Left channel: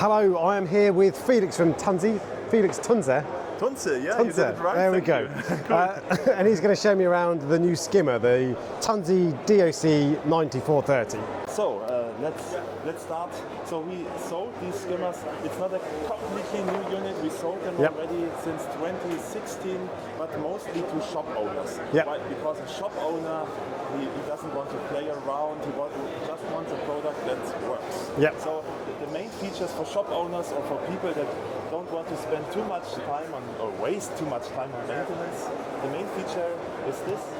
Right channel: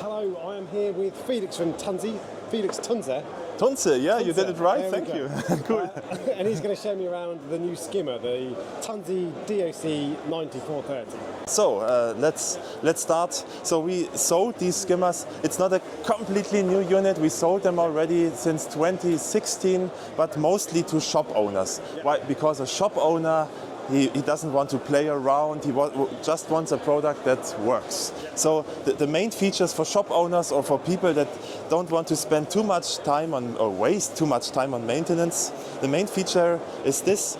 Hello, I am here with Felix from Tunze. Felix Tunze. Tunze, yeah, Tunze. you did it right. There we go. And he's going to show me around the new skimmer, the Tunze DOC 9430. So let's start. So we sold these skimmers. It's not a completely new unit. We sold them already since 2016, but mostly to shop owners. Why? Because a shop owner, he doesn't want to play around, he just wants a product that works. So the main features for shop owners or for people that don't want to spend too much time on or waste too much time on maintenance, the main feature is this.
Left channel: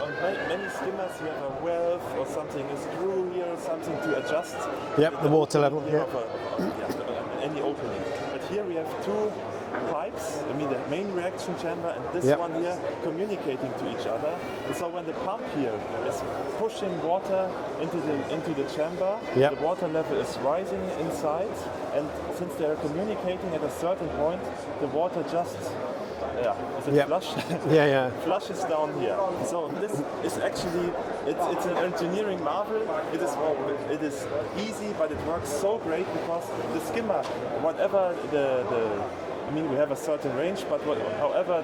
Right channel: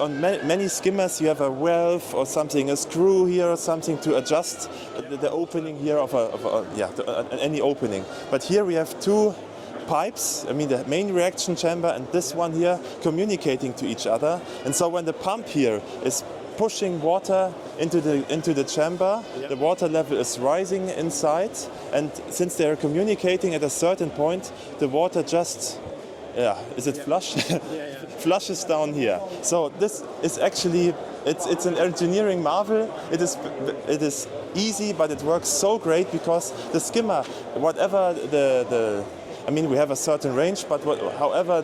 On many skimmers you have a valve or something, a screw here or something to adjust the water level here of any opening. But here we have two pipes, I mean the main reaction chamber and this one here, communicating to each other. And so when the pump here is pushing water into the chamber, the water level is rising inside, and since they are communicating at a certain point, the water just flush? Flushes down here. So this is actually it's an engineering marvel. It is easy, but it works so great because the skimmer, whatever I mean, we have a certain range, but however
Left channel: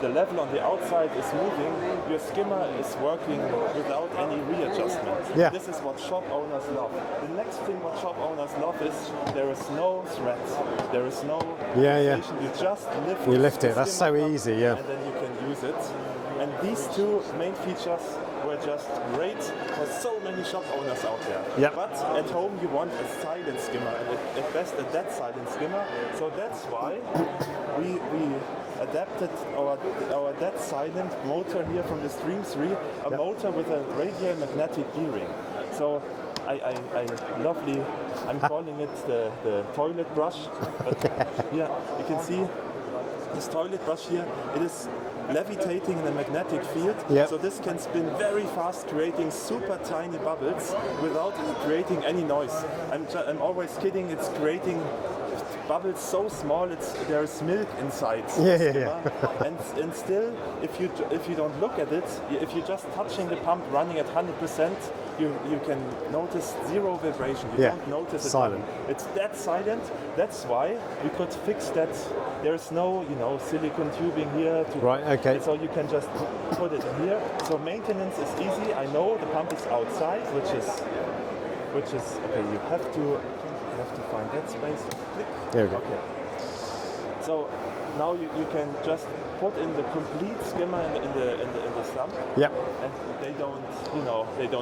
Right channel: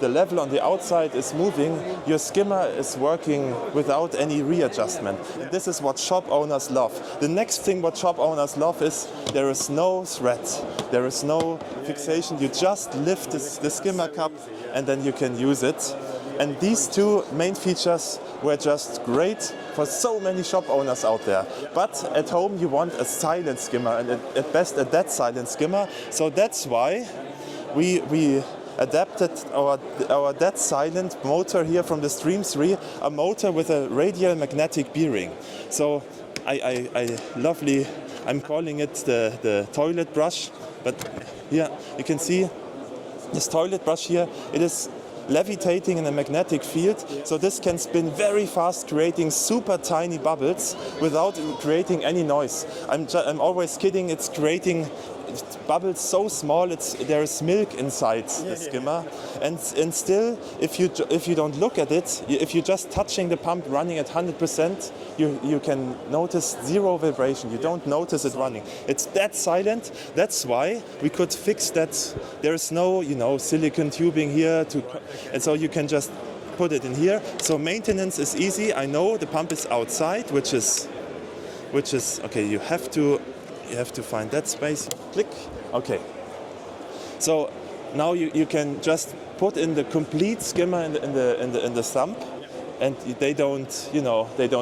the level on the outside is moving, your skimmer is working without any readjustment. This is what shop owners love. The next thing what shop owners love is there is no thread, there is no fixation. You just lift the skimmer cup and then you can use it. And these two main features were just great for so many shop owners out there. But at home you want a silent skimmer, and at best a dead silent skimmer. So that's why we adapted our dead silent motor here from the Stream 3, a motor with a radial magnetic bearing. So I'm calling it the toilet brush. But here you can see this toilet brush here, it is levitating in a magnetic field, so this can spin very fast, creating super tiny bubbles without creating any noise. I'm always kidding, it's creating bubbles so small there is milk inside the skimmer. And still, if you don't look at it, if you're just touching the pump running at 100%, you can notice zero vibration. You don't notice it running. It's that silent. That's why we could fix that. There is no silicon tubing here and so you can just put it in here. So maintenance is easy. I know the pump is outside, which is okay. You have to find that space. Click. Okay. So now you can just put in the complete skimmer in the sump, and they don't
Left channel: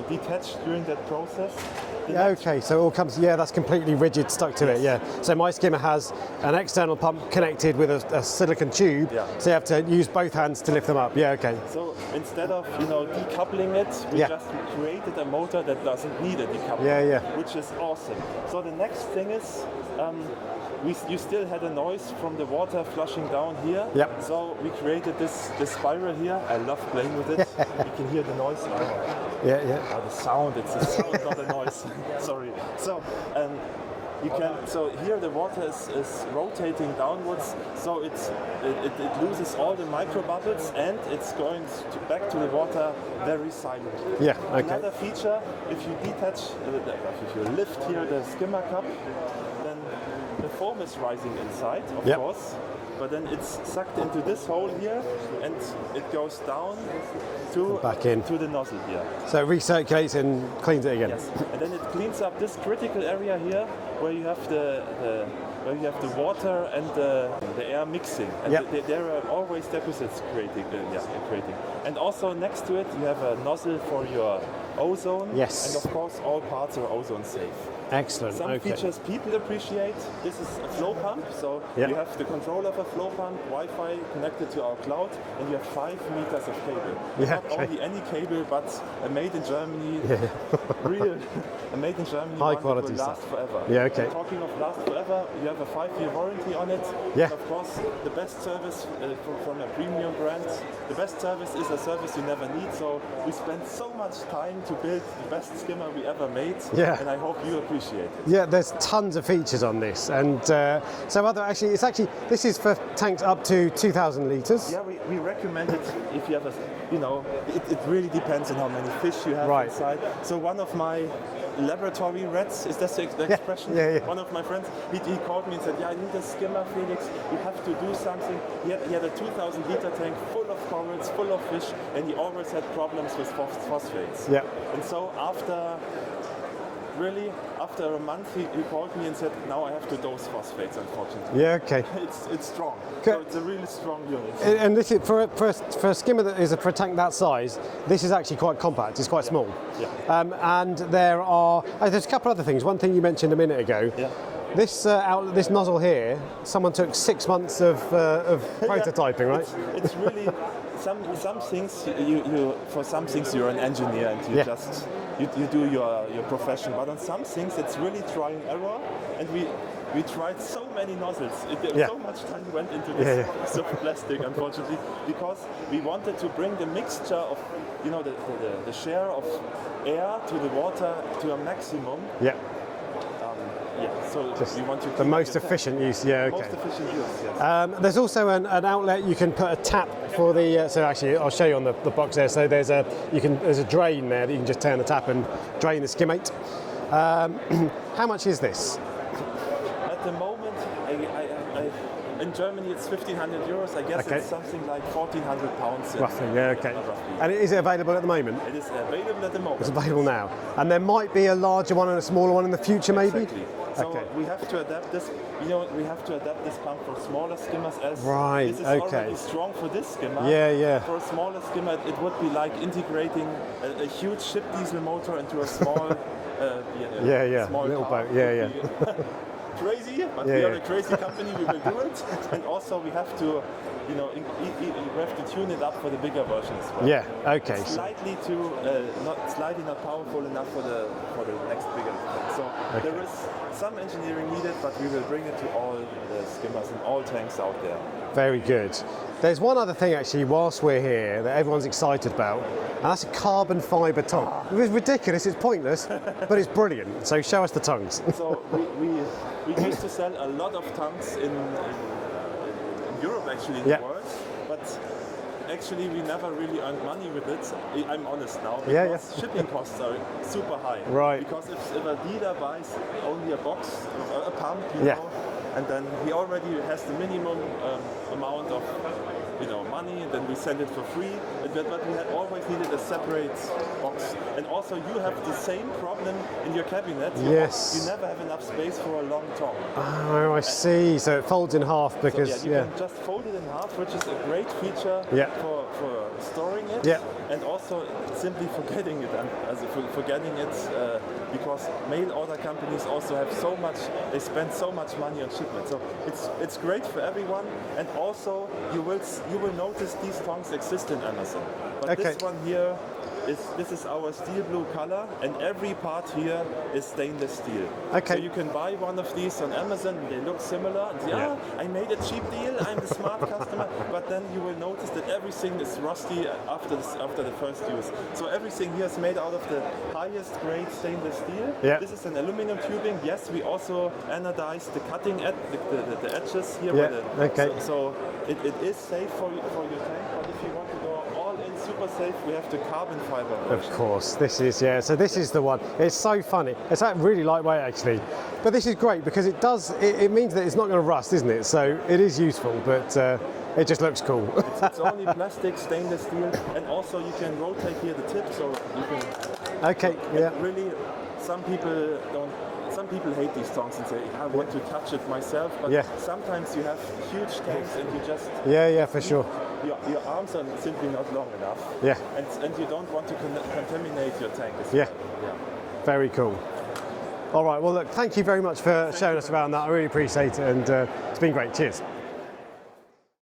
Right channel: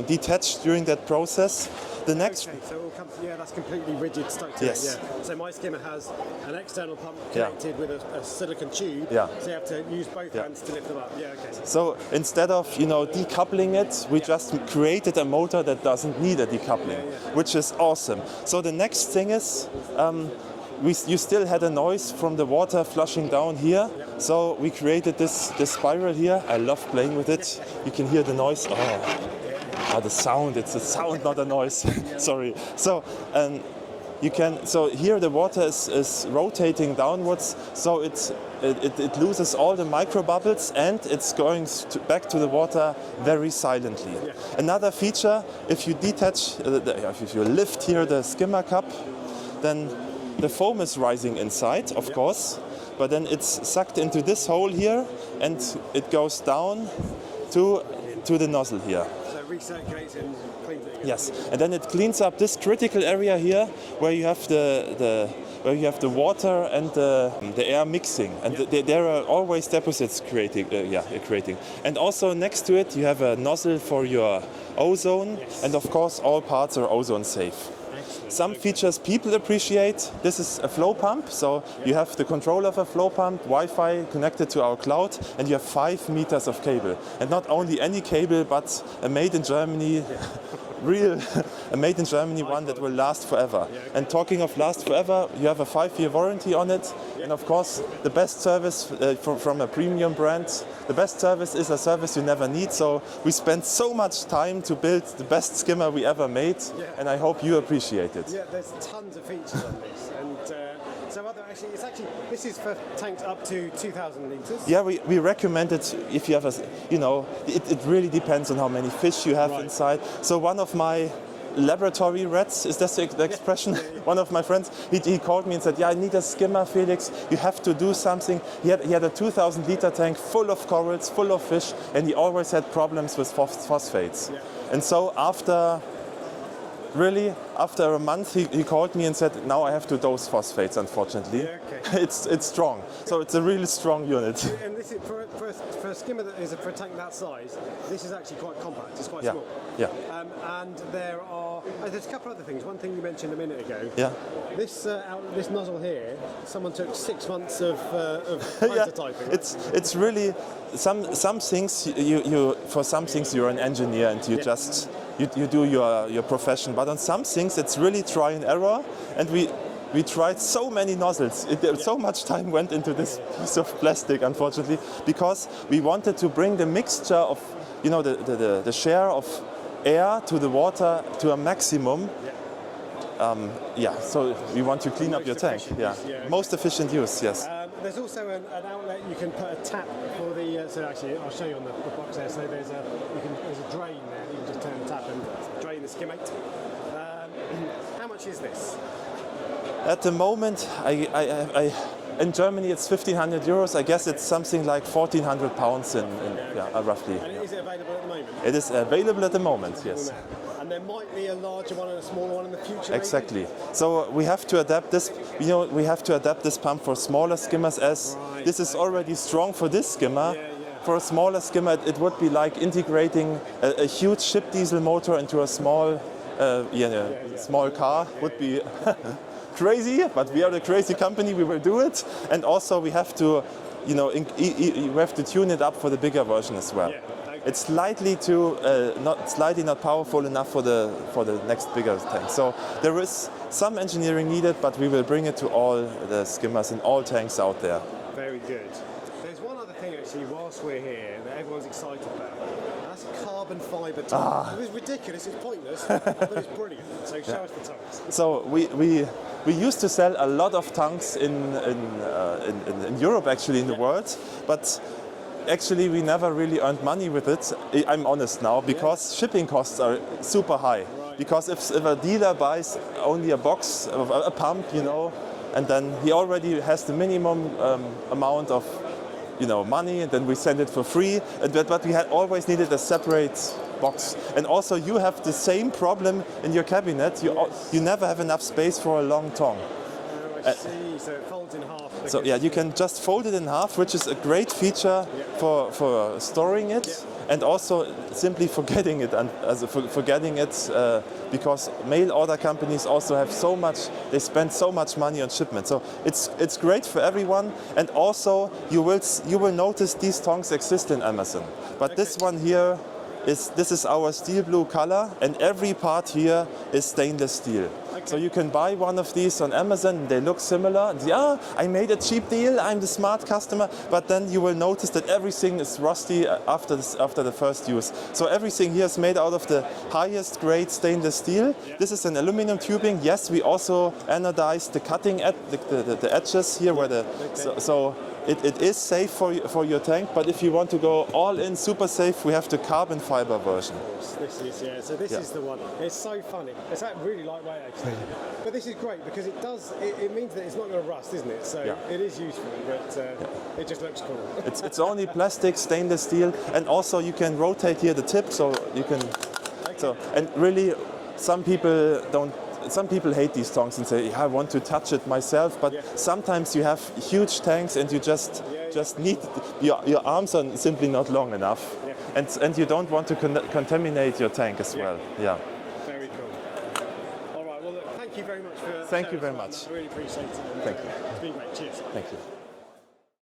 detach during that process. Okay, so it all comes, that's completely rigid, stuck to it, So my skimmer has an external pump connected with a silicon tube, so you have to use both hands to lift them up, So instead of, decoupling it, we just created a motor that doesn't need a decoupling, which is awesome. So the next thing is, you still had a noise from the water flushing down here. So we created this spiral here. I love playing with it. You can hear the noise. The sound. It's a sound, not a noise. Sorry. So so here the water is rotating downwards, so it loses all the micro bubbles and it's going back to the water very silently. Another feature, if you detach, if you lift here the skimmer cup, then the foam is rising inside, of course, but then it's sucked into this hole here and it goes down to the nozzle here. So it recirculates and cleans it again. Yes, and then it cleans up this critical area here where you have the water and the air mixing, and there are always deposits creating. And also next to it you have a nozzle for your ozone, and of course all parts are ozone safe. Excellent. Some features people appreciate. This is a flow pump, so you have the control of a flow pump, Wi-Fi connected to our cloud, and you have 5 meters of cable. And not only any cable, but a made in Germany, a made in Germany one that will last forever. And talking of last forever, you have a 5-year warranty on it. And of course, the best service from a premium brand, the best service is a service you never need. So we spent so much time to build the best skimmer we ever made, and I hope you appreciate it. There's tons of features on this, and this is for tanks up to 2,000 litres. We recommend it if you have it really depends on how many fish you have inside. So one of my laboratory rats. Is that the expression? Yeah. One of my friends, he called me and said, yeah, I need a skimmer, Felix. You have to do something. He had a 2,000-liter tank full of corals, full of fish, and he always had problems with phosphates. Yeah. And so after a month, he called me and said, now I have to dose phosphates, unfortunately. Yeah, okay. It's strong. So it's a really strong unit. And this is for a skimmer that is for a tank that size. This is actually quite compact. It's quite small. Yeah. And there's a couple other things. One thing you mentioned a minute ago. Yeah. This nozzle here, someone took 6 months of prototyping, right? It's really some things for some things you're an engineer and you just you do your profession, but on some things it's really try and error, and we tried so many nozzles. So much time went into this piece of plastic, unfortunately, because we wanted to bring the mixture of the share of air to the water to a maximum. Yeah. So we want to clean the up most your efficient tank. use. Yeah. Okay. Most efficient use. Yes. There's also an outlet you can put a tap for the. So actually, I'll show you on the box there. So there's a drain there that you can just turn the tap and drain the skimmate. How much is this? At the moment, in Germany it's 1,500 euros. I guess it's something like 1,400 pounds. Roughly, roughly. And is it available at the moment? It is available at the moment. It's available now. And there might be a larger one and a smaller one in the future, maybe? Exactly. So we have to adapt this. We have to adapt this pump for smaller skimmers, as this is already strong for this skimmer. Yeah. For a smaller skimmer, it would be like integrating a huge ship diesel motor into a small, small car. Would be crazy, but we are a crazy company. We will do it, and also we have to, we have to tune it up for the bigger version as well. Yeah, okay. It's slightly not powerful enough for the next bigger tank. So there is some engineering needed, but we will bring it to all the skimmers and all tanks out there. Very good. There's one other thing actually, whilst we're here, that everyone's excited about, and that's a carbon fibre tongue. It's ridiculous, it's pointless, but it's brilliant. So show us the tongues. So we used to sell a lot of tongues in Europe, actually, in the world, but actually we never really earned money with it. I'm honest now, because shipping costs are super high. Right. Because if a dealer buys only a box of a pump, and then he already has the minimum amount of money, and then we send it for free. But we had always needed a separate box. And also you have the same problem in your cabinet. You never have enough space for a long tongue. Oh, I see. So it folds in half. Because, so you can just fold it in half, which is a great feature for storing it, and also simply forgetting it, because mail order companies also have they spend so much money on shipment. So it's great for everyone, and also you will notice these tongs exist in Amazon. But this one here this is our steel blue color, and every part here is stainless steel. So you can buy one of these on Amazon. They look similar. I made a cheap deal. I'm the smart customer. But then you will notice that everything is rusty after the first use. So everything here is made out of the highest grade stainless steel. This is an aluminum tubing. Yes, we also anodized the cutting the edges here. So it is safe for your tank, but if you want to go all in super safe, we have the carbon fiber version. Of course, this is So this is the one. It's so funny. It's really lightweight actually, but this is great because it means that it's not going to rust, isn't it? So it is useful, but it just looks cool. It's only plastic, stainless steel, and also you can rotate here the tip, so you can. And really, some people hate these tongs and say, I want to touch it myself, but sometimes you have huge tanks and you just your arms are simply not long enough, and you don't want to contaminate your tank as well. Very cool. All right, well look, thank you very much for showing us around that. I really appreciate it, and it's been great. Cheers. Thank you.